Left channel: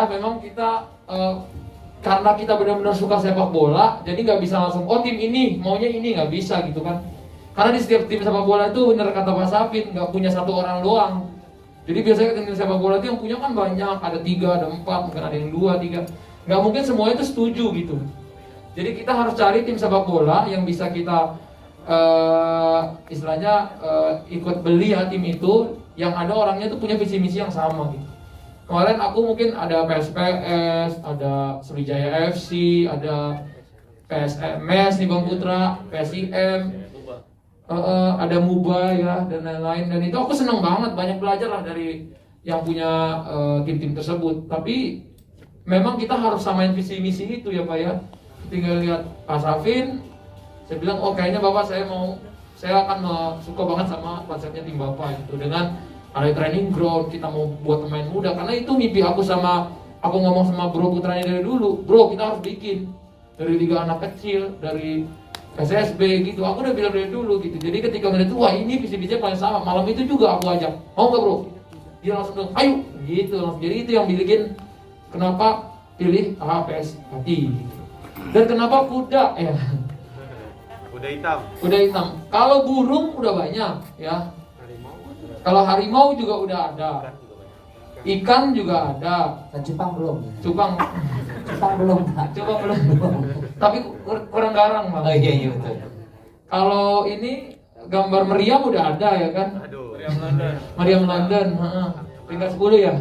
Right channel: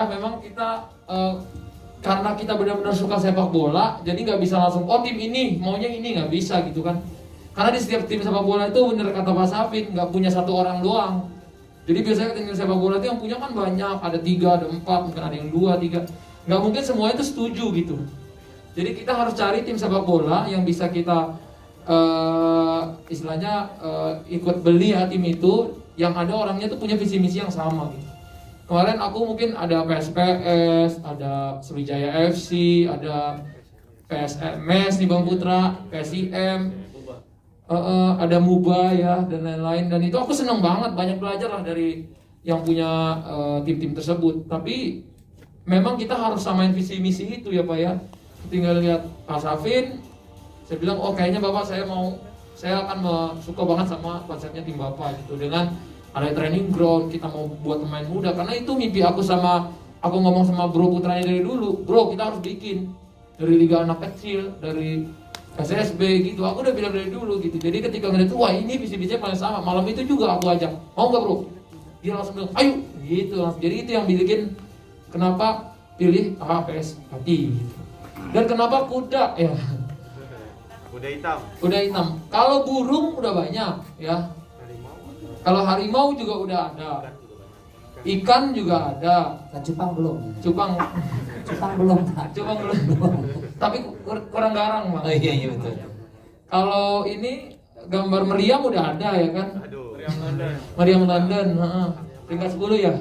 ya, memang kita karena kita benar-benar suka sepak bola, jadi nggak bisa langsung tim ini maunya ini, nggak bisa gitu kan. Karena di setiap tim sepak bola itu benar kata Pak Safit, nggak punya satu orang doang. Jadi biasanya tim sepak bola itu yang punya kan banyak, ada 3, ada 4, mungkin ada yang 2, 3. Nggak mungkin semuanya itu setuju gitu. Jadi kita harus cari tim sepak bola yang bisa kita istilahnya ikut beli ya, tim itu yang ada orangnya tuh punya visi misi yang sama gitu. Kemarin aku mungkin ada PSPS, ada Sriwijaya FC, ada PSMS nih Bang Putra, PSIM, ada MUBA ya dan lain-lain. Dan itu aku senang banget, banyak belajar lah dari yang punya tim-tim tersebut. Tapi memang kita harus samain visi misi itu ya Pak ya. Tinggal lihat Pak Safin, saya bilang kayaknya Bapak saya akan suka banget sama konsepnya tim Bapak gitu, dengan ada training ground, kita mau buat pemain muda. Karena itu mimpi aku ngomong sama bro putranya dari dulu, bro kita harus bikin dari liga anak kecil, dari SSB gitu. Aku udah bilang dari dulu gitu. Jadi ketika ngeliat wah ini visi-visinya kalian sama, malam itu juga aku ajak, mau nggak bro? Dia langsung bilang ayo gitu langsung. Jadi itu yang bikin kenapa pilih APS Pati gitu. Dan kenapa kuda ya? Kuda hitam. Kalau burung udah banyak ya. Kalau harimau juga udah ada. Ikan juga ada. Nah, cupang belum. Cupang belum. Tapi kurang garang Bang. Oh iya betul. Kalau ini gambar meriam udah ada ya kan? Meriam London. Peringkat 10 ya.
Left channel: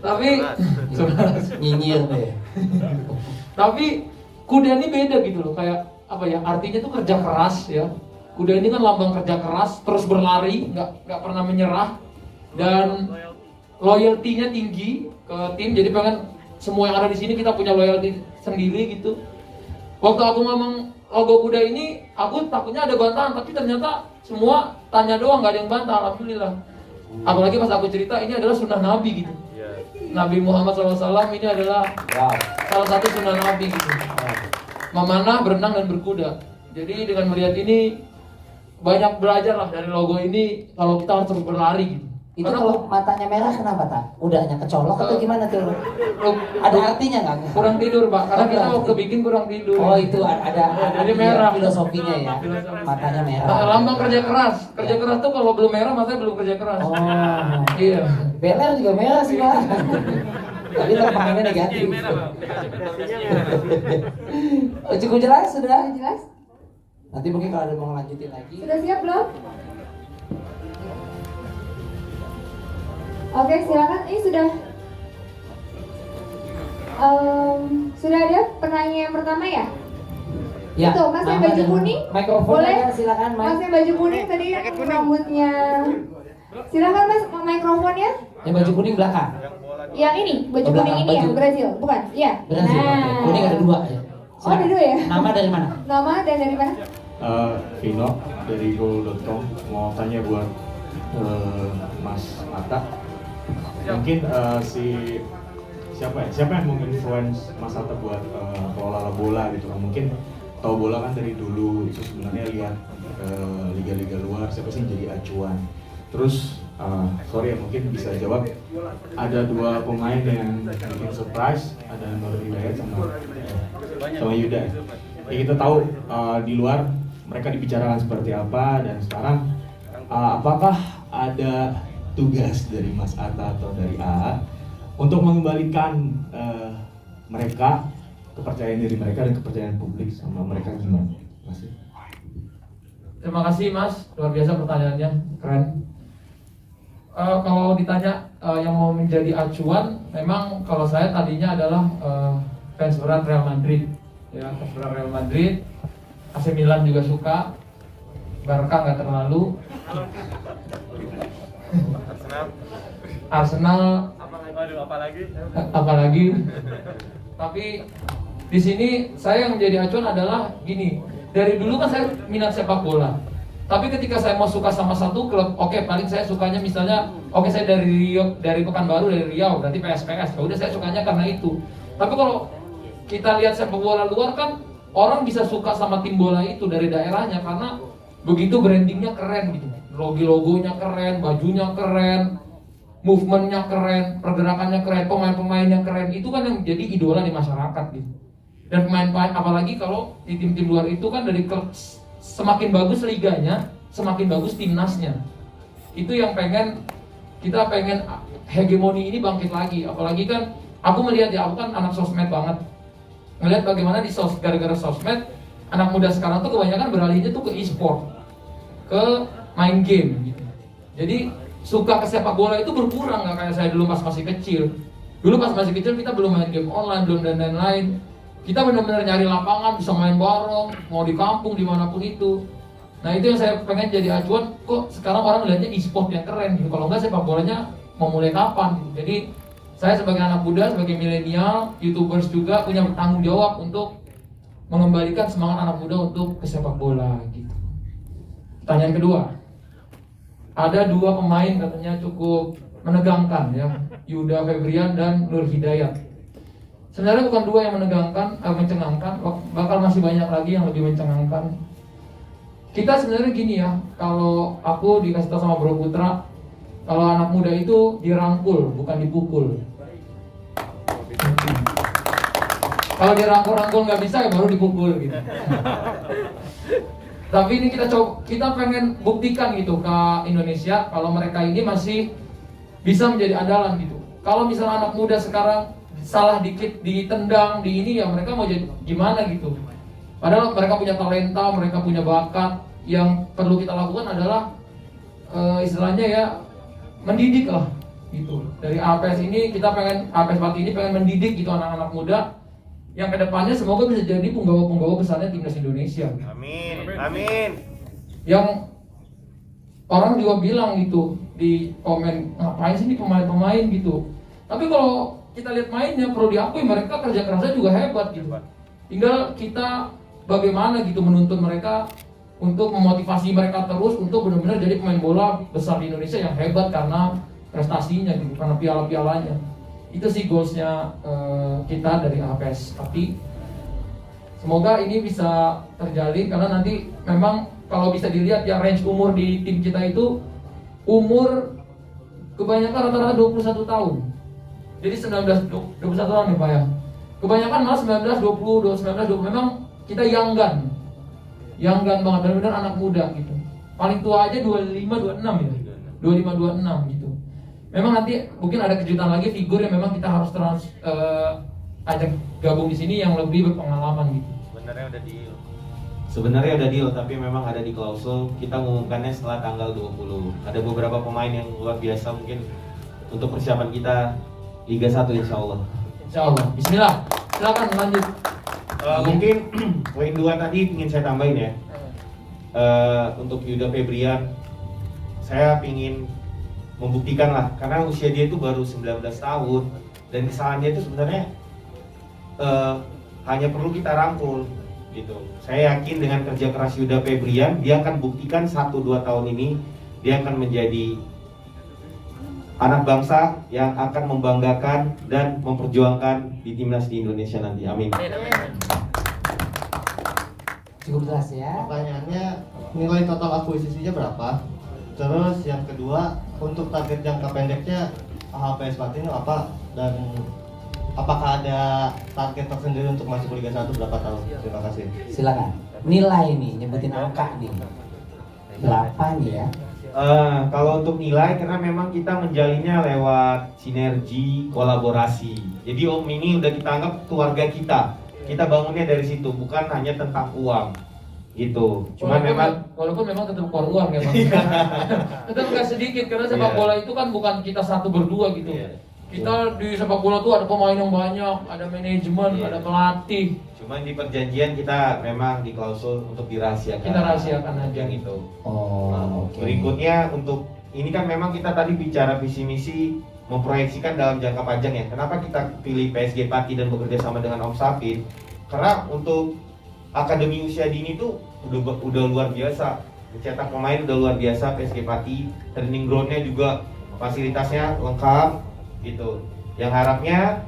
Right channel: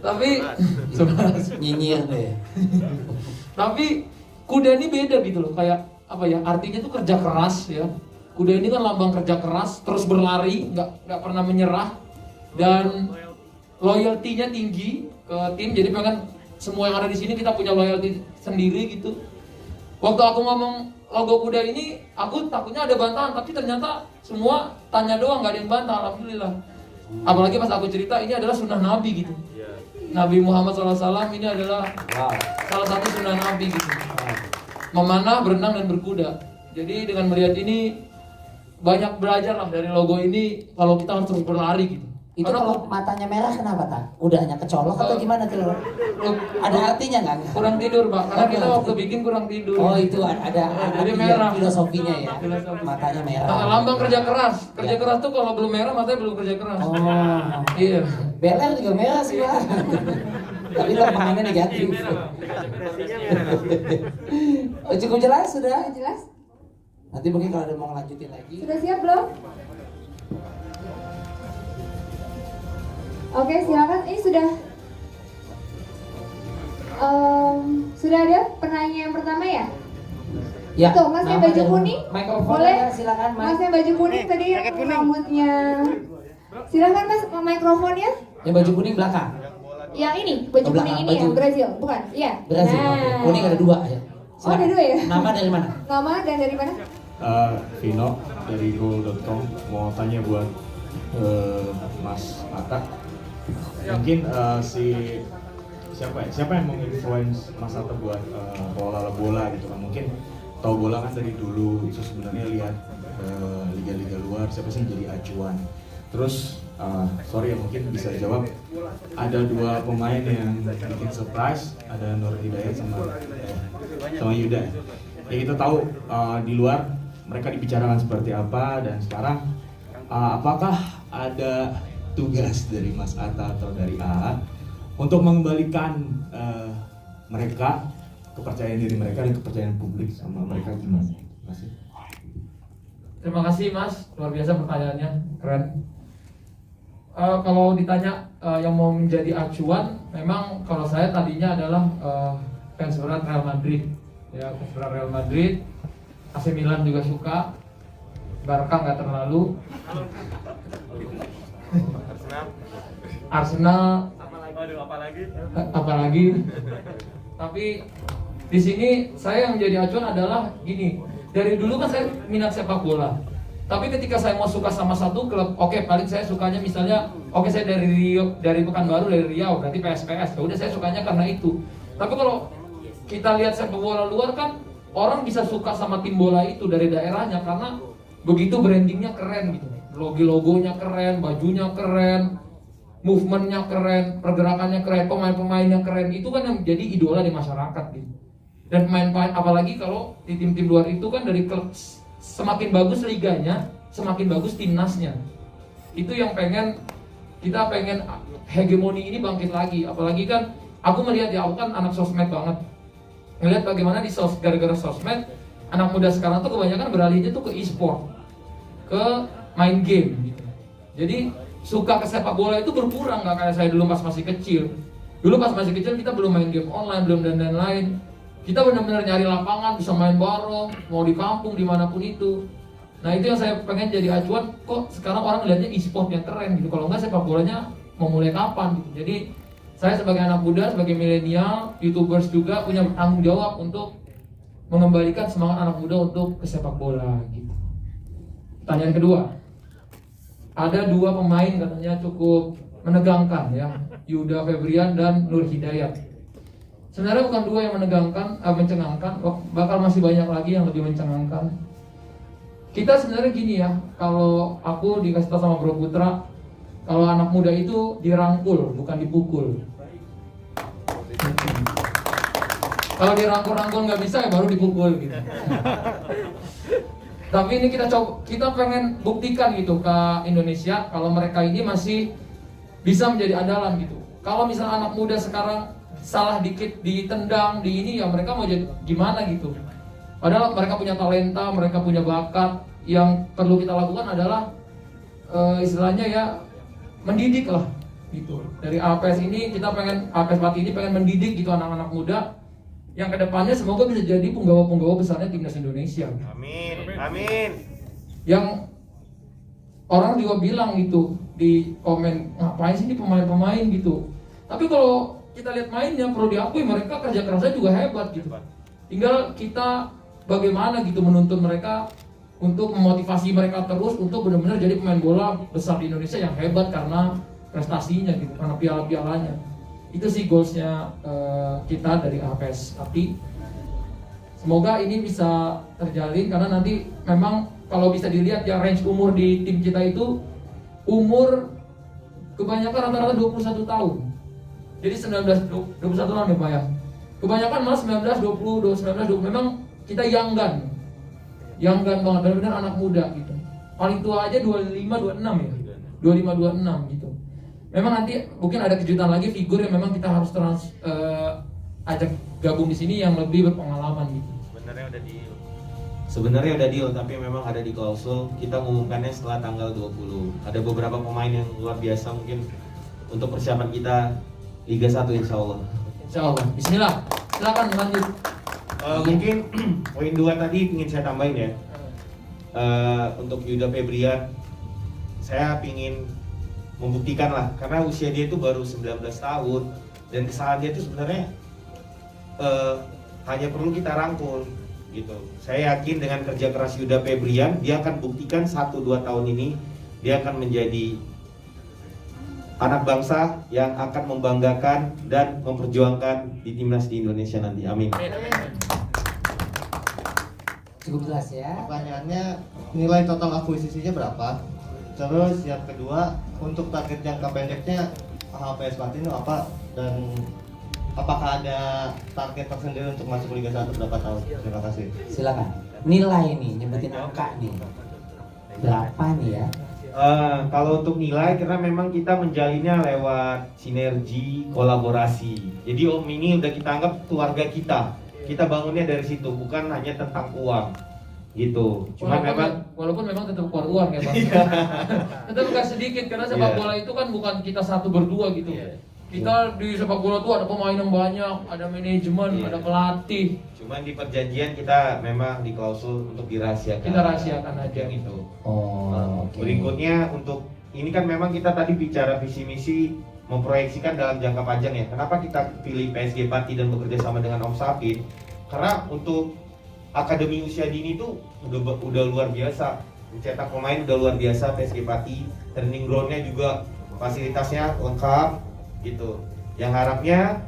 Tapi nyinyir deh. Tapi kuda ini beda gitu loh, kayak apa ya? Artinya tuh kerja keras ya. Kuda ini kan lambang kerja keras, terus berlari, nggak pernah menyerah, dan loyalty-nya tinggi ke tim. Jadi pengen semua yang ada di sini kita punya loyalty sendiri gitu. Waktu aku ngomong logo kuda ini, aku takutnya ada bantahan, tapi ternyata semua tanya doang, nggak ada yang bantah, alhamdulillah. Apalagi pas aku cerita ini adalah sunnah Nabi gitu. Nabi Muhammad SAW ini adalah salah satu sunnah Nabi gitu. Memanah, berenang, dan berkuda. Jadi dengan melihat ini banyak belajar lah dari logo ini, kalau kita harus terus berlari gitu. Itu kalau matanya merah kenapa tak? Udahnya kecolok atau gimana tuh? Ada artinya nggak? Kurang tidur Pak, karena kita waktu bikin kurang tidur. Oh itu ada jadi merah filosofinya ya. Matanya merah. Lambang kerja keras. Kerja keras tuh kalau belum merah matanya belum kerja keras. Oh iya. Beler juga merah sih Pak. Tapi lambangannya negatif. Cukup jelas sudah? Jelas? Nanti mungkin kalau ada mau lanjutin lagi. Sudah siap belum? Oke, silakan. Ini sudah ada penanya yang pertama ya? Ya. Tuh, Mas yang baju kuning. Boleh? Silakan Mas yang baju kuning tadi rambutnya. Silakan Mas, mikrofonnya. Yang baju kuning belakang. Yang ini, baju kuning ini ya, Brazil, bukan? Iya. Brazil. Nah. Kuning ada 2 ya. Oh, ada 2 ya? Nama dari mana? Nama dan dari mana? Vino dari goal.com, mau tanya buat Mas Atta. Mungkin siapa yang menginfluence Mas Atta buat pola bola gitu kan? Mungkin tahu bola kan dari dulu, itu sebenarnya lihat liga-liga luar siapa sih yang jadi acuan. Terus sorry ya mungkin bisa jawab, ada 2 pemain yang bikin surprise, ada Nur Hidayat sama Yuda. Ya kita tahu di luar mereka dibicarakan seperti apa, dan sekarang apakah ada tugas dari Mas Atta atau dari AA untuk mengembalikan mereka, kepercayaan diri mereka dan kepercayaan publik sama mereka gimana? Terima kasih. Terima kasih Mas, luar biasa pertanyaannya, keren. Kalau ditanya yang mau menjadi acuan, memang kalau saya tadinya adalah fans berat Real Madrid, ya fans berat Real Madrid, AC Milan juga suka, Barca nggak terlalu, Arsenal, apalagi. Tapi di sini saya yang menjadi acuan adalah gini, dari dulu kan saya minat sepak bola. Tapi ketika saya mau suka sama satu klub, oke, paling saya sukanya misalnya, saya dari Pekanbaru, dari Riau, berarti PSPS. Ya udah saya sukanya karena itu. Tapi kalau kita lihat sepak bola luar kan, orang bisa suka sama tim bola itu dari daerahnya karena begitu brandingnya keren gitu. Logonya keren, bajunya keren. movementnya keren, pergerakannya keren, pemain-pemainnya keren, itu kan yang jadi idola di masyarakat gitu. Dan pemain-pemain apalagi kalau di tim-tim luar itu kan dari semakin bagus liganya, semakin bagus timnasnya. Itu yang kita pengen hegemoni ini bangkit lagi. Apalagi kan aku melihat ya, aku kan anak sosmed banget. Melihat bagaimana gara-gara sosmed anak muda sekarang tuh kebanyakan beralihnya tuh ke e-sport, ke main game gitu. Jadi suka ke sepak bola itu berkurang, nggak kayak saya dulu pas masih kecil. Dulu pas masih kecil kita belum main game online, belum dan lain-lain. Kita benar-benar nyari lapangan, bisa main bareng, mau di kampung dimanapun itu. Nah itu yang saya pengen jadi acuan. Kok sekarang orang melihatnya e-sport yang keren gitu. Kalau nggak sepak bolanya mau mulai kapan gitu. Jadi saya sebagai anak muda, sebagai milenial, YouTubers juga punya tanggung jawab untuk mengembalikan semangat anak muda untuk ke sepak bola gitu. Pertanyaan kedua. Ada dua pemain katanya cukup menegangkan ya, Yuda Febrian dan Nur Hidayat. Sebenarnya bukan dua yang menegangkan, mencengangkan, bakal masih banyak lagi yang lebih mencengangkan. Kita sebenarnya gini ya, kalau aku dikasih tahu sama Bro Putra, kalau anak muda itu dirangkul, bukan dipukul. Kalau dirangkul-rangkul nggak bisa, ya baru dipukul gitu. Tapi ini kita pengen buktikan gitu ke Indonesia kalau mereka ini masih bisa menjadi andalan gitu. Kalau misalnya anak muda sekarang salah dikit ditendang di ini, ya mereka mau jadi gimana gitu. Padahal mereka punya talenta, mereka punya bakat. Yang perlu kita lakukan adalah istilahnya ya mendidik lah gitu. Dari APS ini kita pengen, APS Pati ini pengen mendidik gitu anak-anak muda yang kedepannya semoga bisa jadi penggawa-penggawa besarnya timnas Indonesia. Amin, amin. Yang orang juga bilang gitu di komen, ngapain sih ini pemain-pemain gitu. Tapi kalau kita lihat mainnya, perlu diakui mereka kerja kerasnya juga hebat gitu. Tinggal kita bagaimana gitu menuntun mereka untuk memotivasi mereka terus untuk benar-benar jadi pemain bola besar di Indonesia yang hebat karena prestasinya gitu, karena piala-pialanya. Itu sih goalsnya kita dari APS. Tapi semoga ini bisa terjalin karena nanti memang kalau bisa dilihat ya range umur di tim kita itu umur kebanyakan rata-rata 21 tahun. Jadi 21 tahun nih Pak ya. Kebanyakan malah 19, 20, 19, 20. Memang kita young gun banget, benar-benar anak muda gitu. Paling tua aja 25, 26 ya. 25, 26 gitu. Memang nanti mungkin ada kejutan lagi figur yang memang kita harus ajak gabung di sini yang lebih berpengalaman gitu. Sebenarnya ada deal, tapi memang ada di klausul. Kita mengumumkannya setelah tanggal 20. Ada beberapa pemain yang luar biasa mungkin untuk persiapan kita Liga 1 insya Allah. Insya Allah. Bismillah. Silakan lanjut. Mungkin poin 2 tadi ingin saya tambahin ya. Untuk Yuda Febrian, saya ingin membuktikan lah, karena usia dia itu baru 19 tahun dan kesalahannya itu sebenarnya hanya perlu kita rangkul gitu. Saya yakin dengan kerja keras Yuda Febrian, dia akan buktikan 1-2 tahun ini dia akan menjadi anak bangsa yang akan membanggakan dan memperjuangkan di timnas di Indonesia nanti. Amin. Cukup keras ya. Pertanyaannya, nilai total akuisisinya berapa? Terus yang kedua, untuk target jangka pendeknya APS Pati itu apa? Dan apakah ada target tersendiri untuk masuk Liga 1 berapa tahun? Terima kasih. Silakan. Nilai nih, nyebutin angka nih. Berapa nih ya? Kalau untuk nilai, karena memang kita menjalinnya lewat sinergi, kolaborasi. Jadi Om ini udah kita anggap keluarga kita. Kita bangunnya dari situ, bukan hanya tentang uang, gitu. Cuma walaupun memang tetap keluar uang ya Bang. Tetap nggak sedikit karena sepak bola itu kan bukan kita satu berdua gitu. Kita di sepak bola tuh ada pemain yang banyak, ada manajemen, ada pelatih. Cuman di perjanjian kita memang di klausul untuk dirahasiakan. Kita rahasiakan aja gitu. Oke. Berikutnya untuk ini kan memang kita tadi bicara visi misi memproyeksikan dalam jangka panjang ya. Kenapa kita pilih PSG Pati dan bekerja sama dengan Om Safin? Karena untuk akademi usia dini tuh udah luar biasa. Mencetak pemain udah luar biasa PSG Pati. Training groundnya juga fasilitasnya lengkap gitu. Yang harapnya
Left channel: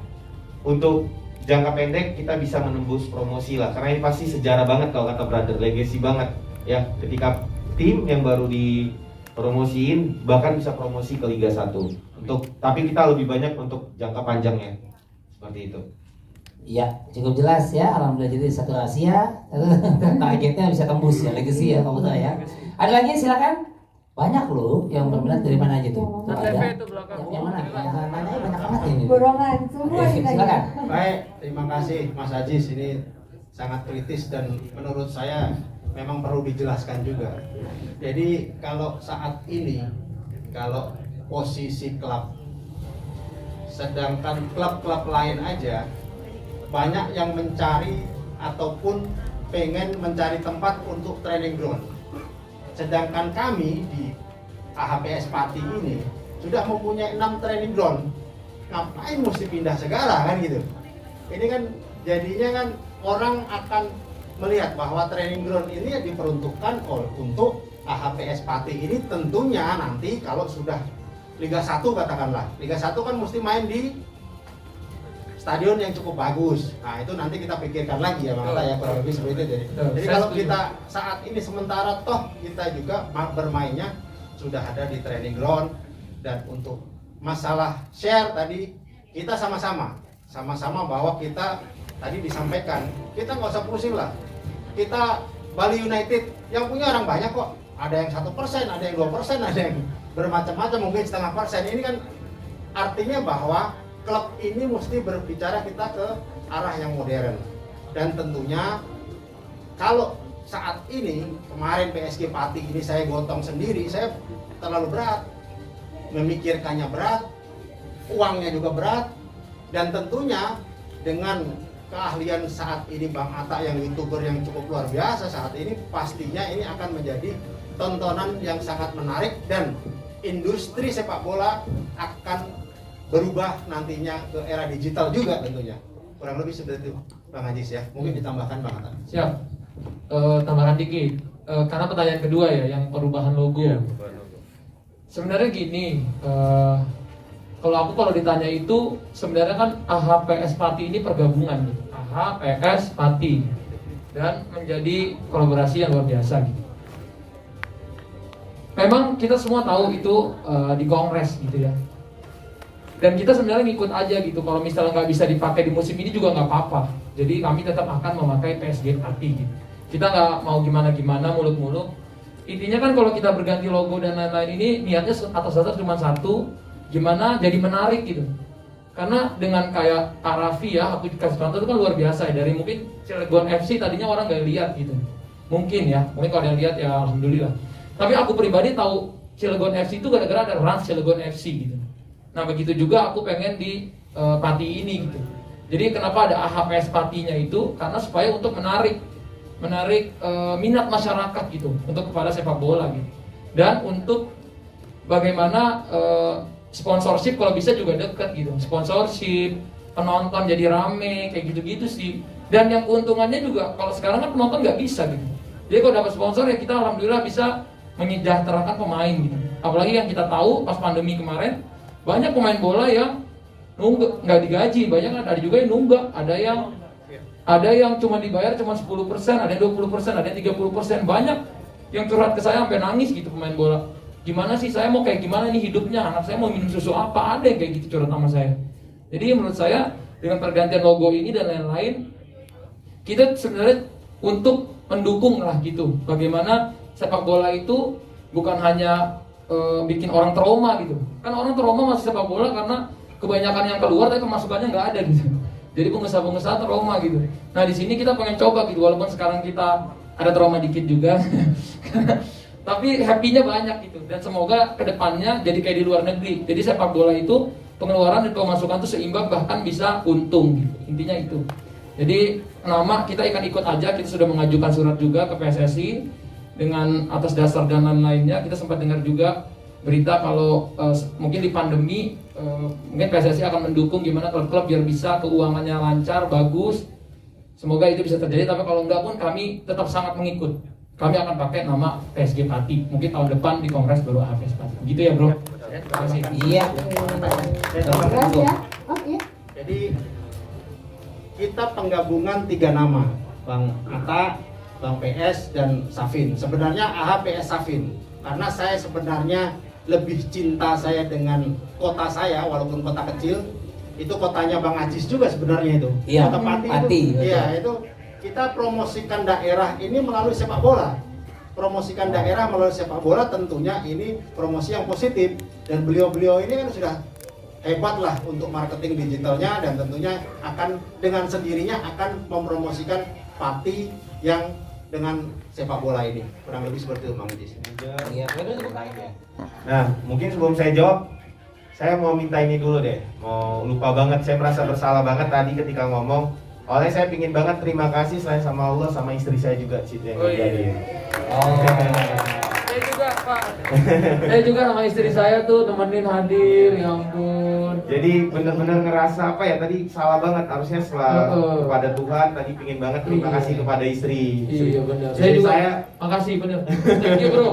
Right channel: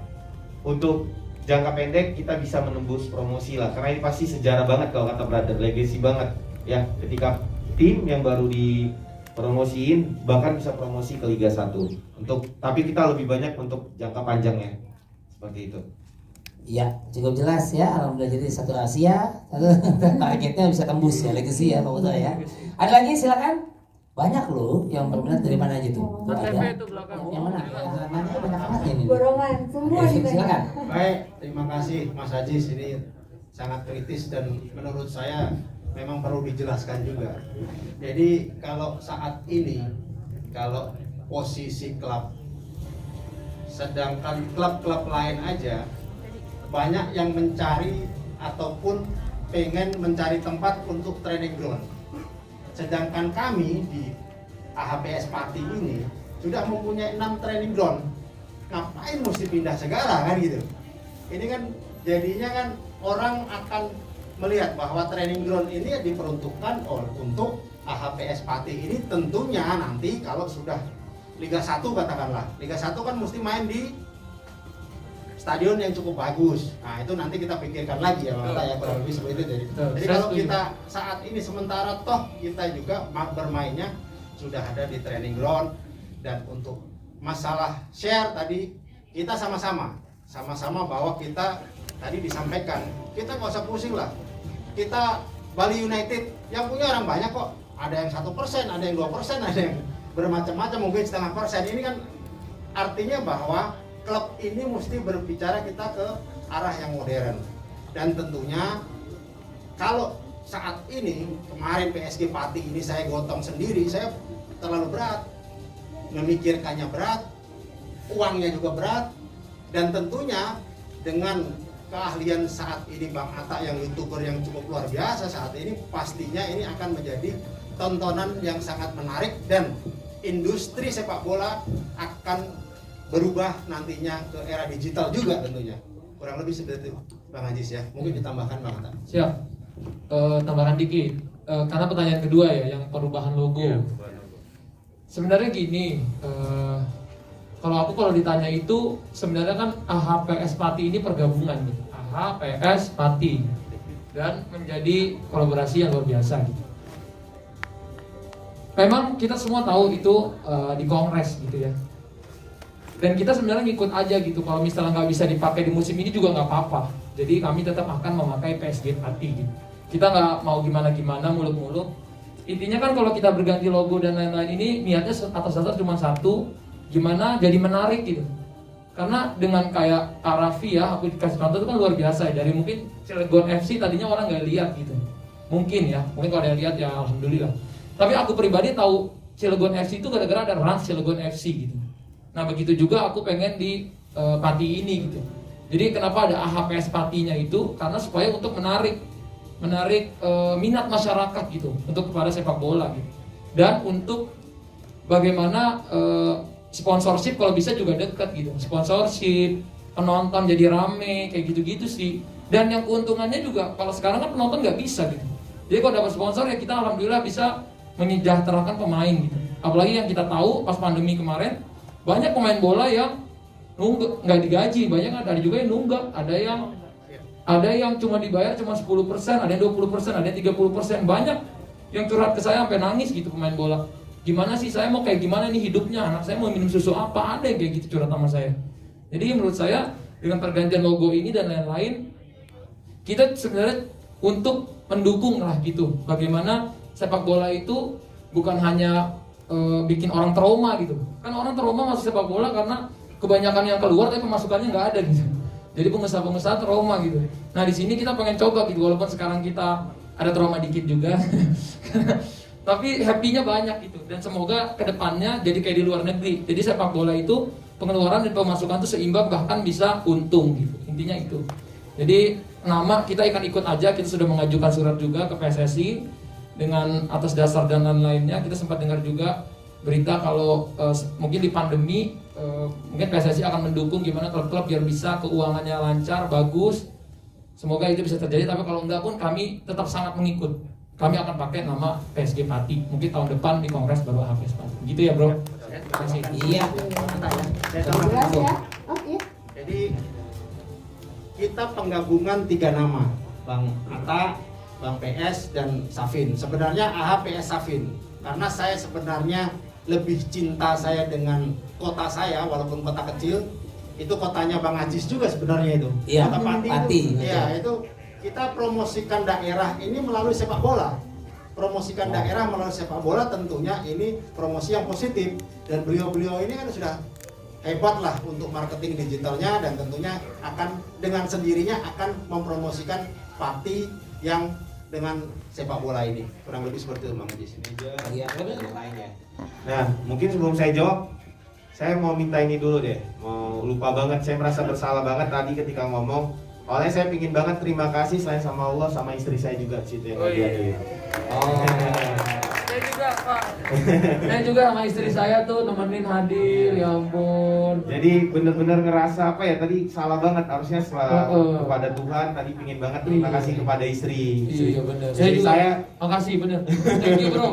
untuk jangka pendek kita bisa menembus promosi lah. Karena ini pasti sejarah banget kalau kata brother, legacy banget ya. Ketika tim yang baru dipromosiin bahkan bisa promosi ke Liga 1. Tapi kita lebih banyak untuk jangka panjangnya. Seperti itu. Iya, cukup jelas ya. Alhamdulillah, jadi satu Asia, targetnya bisa tembus ya, legacy ya Pak Putra ya. Ada lagi silakan. Banyak loh yang berminat, dari mana aja tuh? ATV itu belakang. Yang mana? Yang mana banyak banget ini. Borongan semua Oke, ditanya. silakan. Baik, terima kasih Mas Ajis. Ini sangat kritis dan menurut saya memang perlu dijelaskan juga. Jadi kalau saat ini, kalau posisi klub, sedangkan klub-klub lain aja banyak yang mencari ataupun pengen mencari tempat untuk training ground. Sedangkan kami di AHPS Pati ini sudah mempunyai 6 training ground. Ngapain mesti pindah segala kan gitu. Ini kan jadinya kan orang akan melihat bahwa training ground ini diperuntukkan untuk AHPS Pati ini tentunya nanti kalau sudah Liga 1 katakanlah. Liga 1 kan mesti main di stadion yang cukup bagus. Nah itu nanti kita pikirkan lagi ya Mata ya, kurang lebih seperti itu. Jadi kalau kita saat ini sementara toh kita juga bermainnya sudah ada di training ground. Dan untuk masalah share tadi kita sama-sama bahwa kita tadi disampaikan kita nggak usah pusing lah. Kita Bali United yang punya orang banyak kok. Ada yang 1%, ada yang 2%, ada yang bermacam-macam, mungkin 0,5%. Ini kan artinya bahwa klub ini mesti berbicara kita ke arah yang modern. Dan tentunya kalau saat ini kemarin PSG Pati ini saya gotong sendiri, saya terlalu berat, memikirkannya berat, uangnya juga berat, dan tentunya dengan keahlian saat ini Bang Atta yang YouTuber yang cukup luar biasa saat ini, pastinya ini akan menjadi tontonan yang sangat menarik dan industri sepak bola akan berubah nantinya ke era digital juga tentunya. Kurang lebih seperti itu Bang Ajis ya. Mungkin ditambahkan Bang Atta. Siap. Tambahan dikit. Karena pertanyaan kedua ya, yang perubahan logo. Sebenarnya gini, kalau ditanya itu sebenarnya kan AHPS Pati ini pergabungan nih. AHPS Pati dan menjadi kolaborasi yang luar biasa gitu. Memang kita semua tahu itu di kongres gitu ya. Dan kita sebenarnya ngikut aja gitu. Kalau misalnya nggak bisa dipakai di musim ini juga nggak apa-apa. Jadi kami tetap akan memakai PSG Pati gitu. Kita nggak mau gimana-gimana mulut-mulut. Intinya kan kalau kita berganti logo dan lain-lain ini niatnya atas dasar cuma satu, gimana jadi menarik gitu. Karena dengan kayak Arafi ya, aku dikasih contoh itu kan luar biasa ya. Dari mungkin Cilegon FC tadinya orang nggak lihat gitu. Mungkin ya, mungkin kalau ada yang lihat ya alhamdulillah. Tapi aku pribadi tahu Cilegon FC itu gara-gara ada Rans Cilegon FC gitu. Nah begitu juga aku pengen di Pati ini gitu. Jadi kenapa ada AHPS Patinya itu? Karena supaya untuk menarik minat masyarakat gitu untuk kepada sepak bola gitu. Dan untuk bagaimana sponsorship kalau bisa juga dekat gitu. Sponsorship, penonton jadi rame kayak gitu-gitu sih. Dan yang keuntungannya juga kalau sekarang kan penonton nggak bisa gitu. Jadi kalau dapat sponsor ya kita alhamdulillah bisa menyejahterakan pemain gitu. Apalagi yang kita tahu pas pandemi kemarin banyak pemain bola yang nunggak, nggak digaji, banyak ada juga yang nunggak, ada yang cuma dibayar cuma 10%, ada yang 20%, ada yang 30%, banyak yang curhat ke saya sampai nangis gitu pemain bola. Gimana sih saya mau kayak gimana nih hidupnya, anak saya mau minum susu apa, ada yang kayak gitu curhat sama saya. Jadi menurut saya dengan pergantian logo ini dan lain-lain, kita sebenarnya untuk mendukung lah gitu, bagaimana sepak bola itu bukan hanya bikin orang trauma gitu. Kan orang trauma masuk sepak bola karena kebanyakan yang keluar tapi pemasukannya nggak ada gitu. Jadi pengusaha-pengusaha trauma gitu. Nah di sini kita pengen coba gitu, walaupun sekarang kita ada trauma dikit juga, tapi happy-nya banyak gitu. Dan semoga kedepannya jadi kayak di luar negeri. Jadi sepak bola itu pengeluaran dan pemasukan itu seimbang bahkan bisa untung gitu. Intinya itu. Jadi nama kita akan ikut aja. Kita sudah mengajukan surat juga ke PSSI. Dengan atas dasar dan lain-lainnya kita sempat dengar juga berita kalau mungkin di pandemi mungkin PSSI akan mendukung gimana klub-klub biar bisa keuangannya lancar, bagus. Semoga itu bisa terjadi, tapi kalau enggak pun kami tetap sangat mengikut. Kami akan pakai nama PSG Pati. Mungkin tahun depan di kongres baru AHPS Pati. Gitu ya bro. Terima kasih. Iya. Jelas ya? Oke. Jadi kita penggabungan 3 nama, Bang Atta, Bang PS dan Safin. Sebenarnya AHPS Safin. Karena saya sebenarnya lebih cinta saya dengan kota saya, walaupun kota kecil. Itu kotanya Bang Ajis juga sebenarnya itu. Iya, Kota Pati Pati, itu. betul. Iya, itu kita promosikan daerah ini melalui sepak bola. Promosikan daerah melalui sepak bola tentunya ini promosi yang positif, dan beliau-beliau ini kan sudah hebat lah untuk marketing digitalnya, dan tentunya akan dengan sendirinya akan mempromosikan Pati yang dengan sepak bola ini. Kurang lebih seperti itu Bang Ajis. Iya, Nah, mungkin sebelum saya jawab, saya mau minta ini dulu deh. Mau lupa banget, saya merasa bersalah banget tadi ketika ngomong. Oleh saya pingin banget terima kasih selain sama Allah sama istri saya juga, Cid, yang iya. Oh, Saya juga Pak. Saya juga sama istri saya tuh nemenin hadir, ya ampun. Jadi bener-bener ngerasa apa ya, tadi salah banget, harusnya setelah kepada Tuhan tadi pingin banget terima kasih kepada istri. Iya benar. Istri Saya juga. saya, Makasih bener. Thank you bro.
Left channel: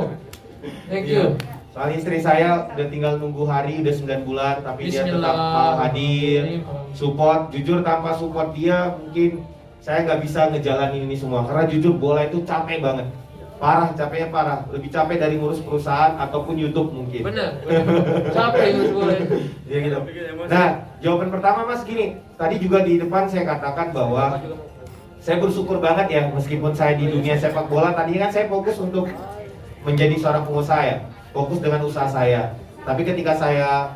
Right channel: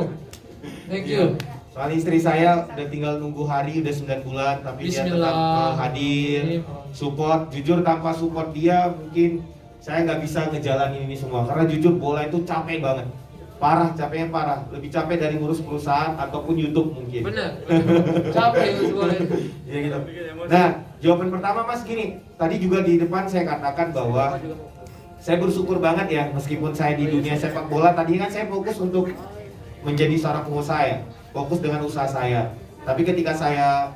Thank you. soal istri saya udah tinggal nunggu hari, udah 9 bulan, tapi dia tetap mau hadir, support. Jujur tanpa support dia mungkin saya nggak bisa ngejalanin ini semua, karena jujur bola itu capek banget, parah, capeknya parah, lebih capek dari ngurus perusahaan ataupun YouTube mungkin. Bener. Capek itu boleh. Ya gitu. Nah, jawaban pertama Mas gini, tadi juga di depan saya katakan bahwa saya bersyukur banget ya, meskipun saya di dunia sepak bola, tadi kan saya fokus untuk menjadi seorang pengusaha ya, fokus dengan usaha saya. Tapi ketika saya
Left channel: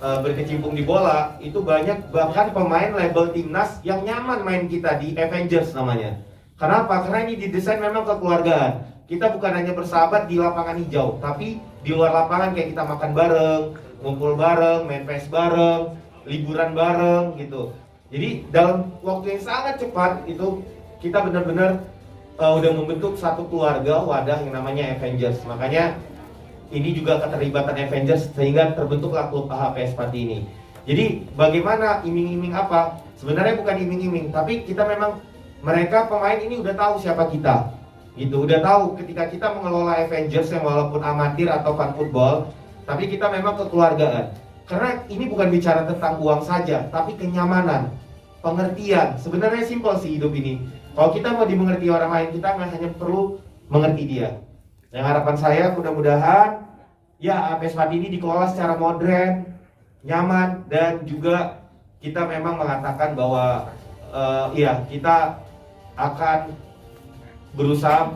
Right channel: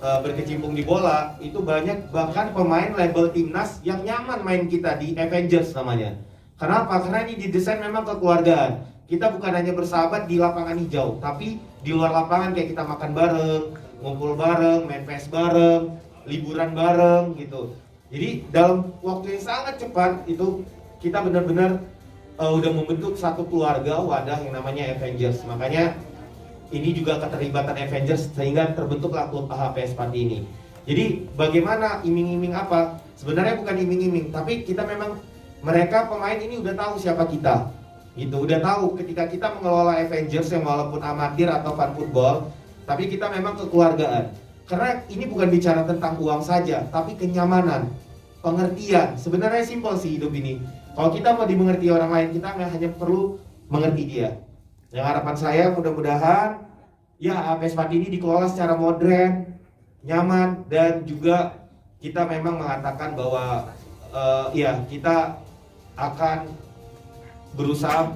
berkecimpung di bola, itu banyak bahkan pemain label timnas yang nyaman main kita di Avengers namanya. Kenapa? Karena ini didesain memang kekeluargaan. Kita bukan hanya bersahabat di lapangan hijau, tapi di luar lapangan kayak kita makan bareng, ngumpul bareng, main PS bareng, liburan bareng gitu. Jadi dalam waktu yang sangat cepat itu kita benar-benar udah membentuk satu keluarga, wadah yang namanya Avengers. Makanya ini juga keterlibatan Avengers sehingga terbentuklah klub AHPS Pati ini. Jadi bagaimana iming-iming apa? Sebenarnya bukan iming-iming, tapi kita memang, mereka pemain ini udah tahu siapa kita. Gitu, udah tahu ketika kita mengelola Avengers yang walaupun amatir atau fan football, tapi kita memang kekeluargaan. Karena ini bukan bicara tentang uang saja, tapi kenyamanan, pengertian. Sebenarnya simpel sih hidup ini. Kalau kita mau dimengerti orang lain, kita nggak hanya perlu mengerti dia. Yang harapan saya mudah-mudahan ya AHPS Pati ini dikelola secara modern, nyaman, dan juga kita memang mengatakan bahwa ya kita akan berusaha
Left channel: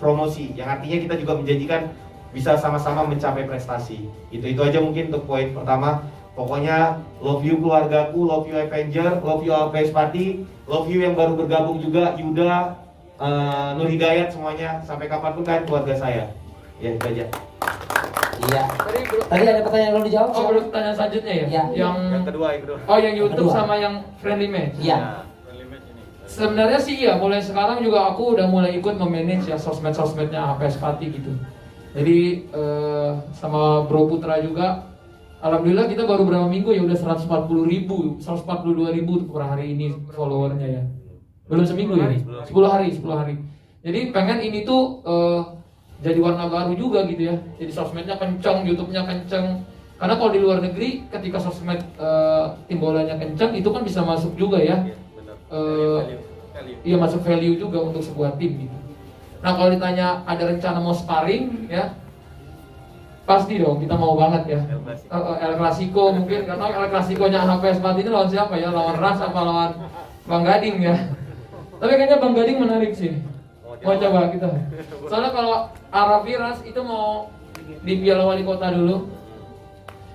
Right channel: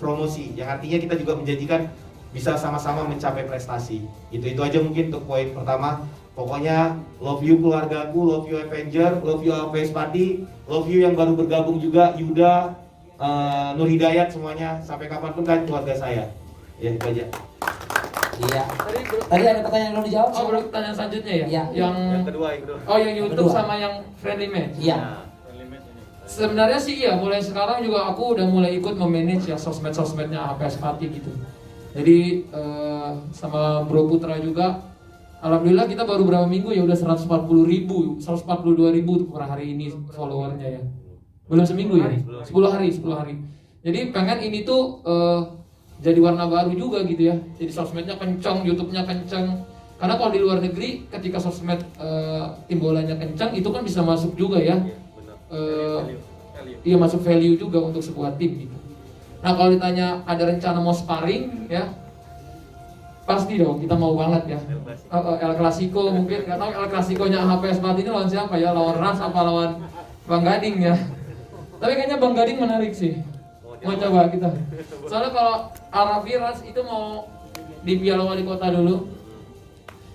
promosi, yang artinya kita juga menjanjikan bisa sama-sama mencapai prestasi. Itu aja mungkin untuk poin pertama. Pokoknya love you keluargaku, love you Avenger, love you AHPS Pati, love you yang baru bergabung juga, Yuda, Nur Hidayat, semuanya. Sampai kapanpun kalian keluarga saya. Ya itu aja. iya. Tadi ada pertanyaan belum dijawab? Oh, belum pertanyaan selanjutnya ya? Iya. Yang kedua. Oh, yang YouTube Kedua. sama yang friendly match. Iya. Sebenarnya sih ya, mulai sekarang juga aku udah mulai ikut memanage ya sosmed-sosmednya AHPS Pati gitu. Jadi sama Bro Putra juga, alhamdulillah kita baru berapa minggu ya udah 142.000 per hari ini followernya ya. Belum seminggu ya? 10 hari. Jadi pengen ini tuh jadi warna baru juga gitu ya. Jadi sosmednya kencang, YouTube-nya kencang. Karena kalau di luar negeri ketika sosmed tim bolanya kencang itu kan bisa masuk juga ya. Iya, masuk value juga untuk sebuah tim gitu. Nah, kalau ditanya ada rencana mau sparring ya, pasti dong, kita mau banget ya. El Clasico mungkin, karena El Clasico-nya AHPS Pati ini lawan siapa ya? Lawan Ras apa lawan Bang Gading ya? Tapi kayaknya Bang Gading menarik sih. Mau coba kita. Soalnya kalau Arafi Ras itu mau di Piala Wali Kota dulu.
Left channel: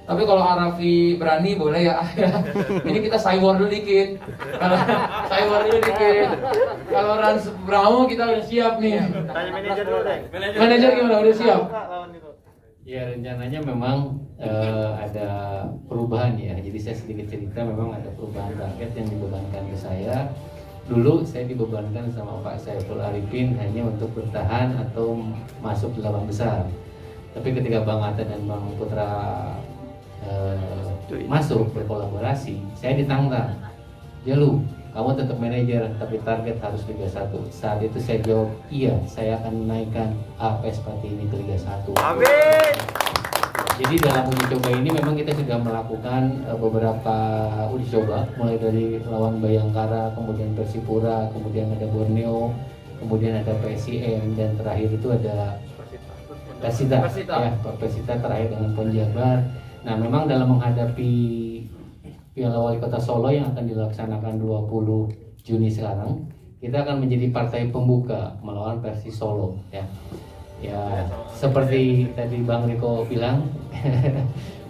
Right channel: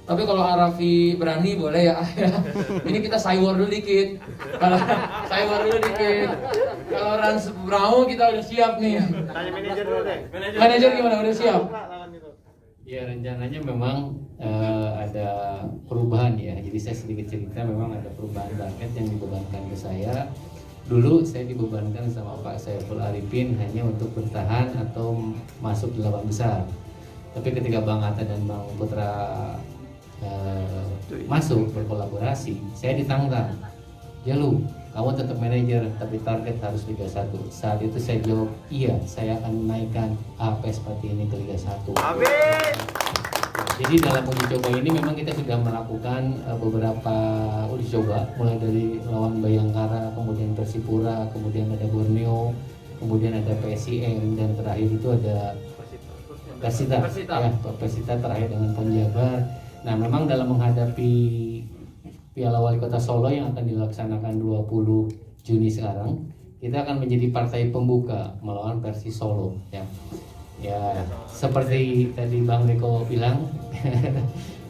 Tapi kalau Arafi berani boleh ya. Ini kita cywar dulu dikit. Kalau Rans Brown kita udah siap nih. Tanya manajer dulu deh. Manajer gimana? Udah siap? Ya rencananya memang ada perubahan ya. Jadi saya sedikit cerita, memang ada perubahan target yang dibebankan ke saya. Dulu saya dibebankan sama Pak Saiful Arifin hanya untuk bertahan atau masuk 8 besar. Tapi ketika Bang Atta dan Bang Putra masuk berkolaborasi, saya ditantang. Ya lu, kamu tetap manajer tapi target harus Liga 1. Saat itu saya jawab, iya, saya akan menaikkan AHPS Pati ini ke Liga 1. Amin. Jadi dalam uji coba ini memang kita sudah melakukan beberapa uji coba, mulai dari lawan Bayangkara, kemudian Persipura, kemudian ada Borneo, kemudian ada PSIM, dan terakhir itu ada Persita. Ya, Persita terakhir dengan Penjabar. Nah, memang dalam menghadapi Piala Wali Kota Solo yang akan dilaksanakan 20 Juni sekarang, kita akan menjadi partai pembuka melawan Persis Solo ya. Ya, seperti tadi Bang Riko bilang,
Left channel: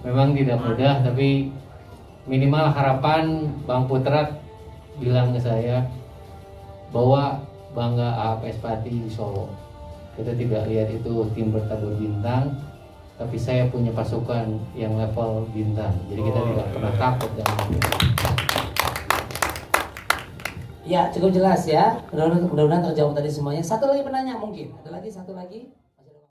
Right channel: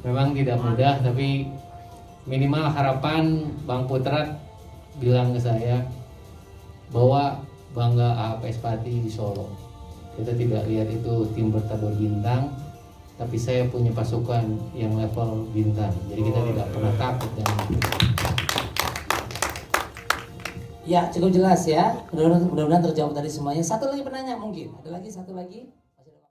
memang tidak mudah, tapi minimal harapan Bang Putrat bilang ke saya bahwa bangga AHPS Pati di Solo. Kita tidak lihat itu tim bertadur bintang, tapi saya punya pasukan yang level bintang. Jadi kita tidak pernah takut dengan itu. Ya, cukup jelas ya. Mudah-mudahan terjawab tadi semuanya. Satu lagi penanya mungkin. Ada lagi satu lagi?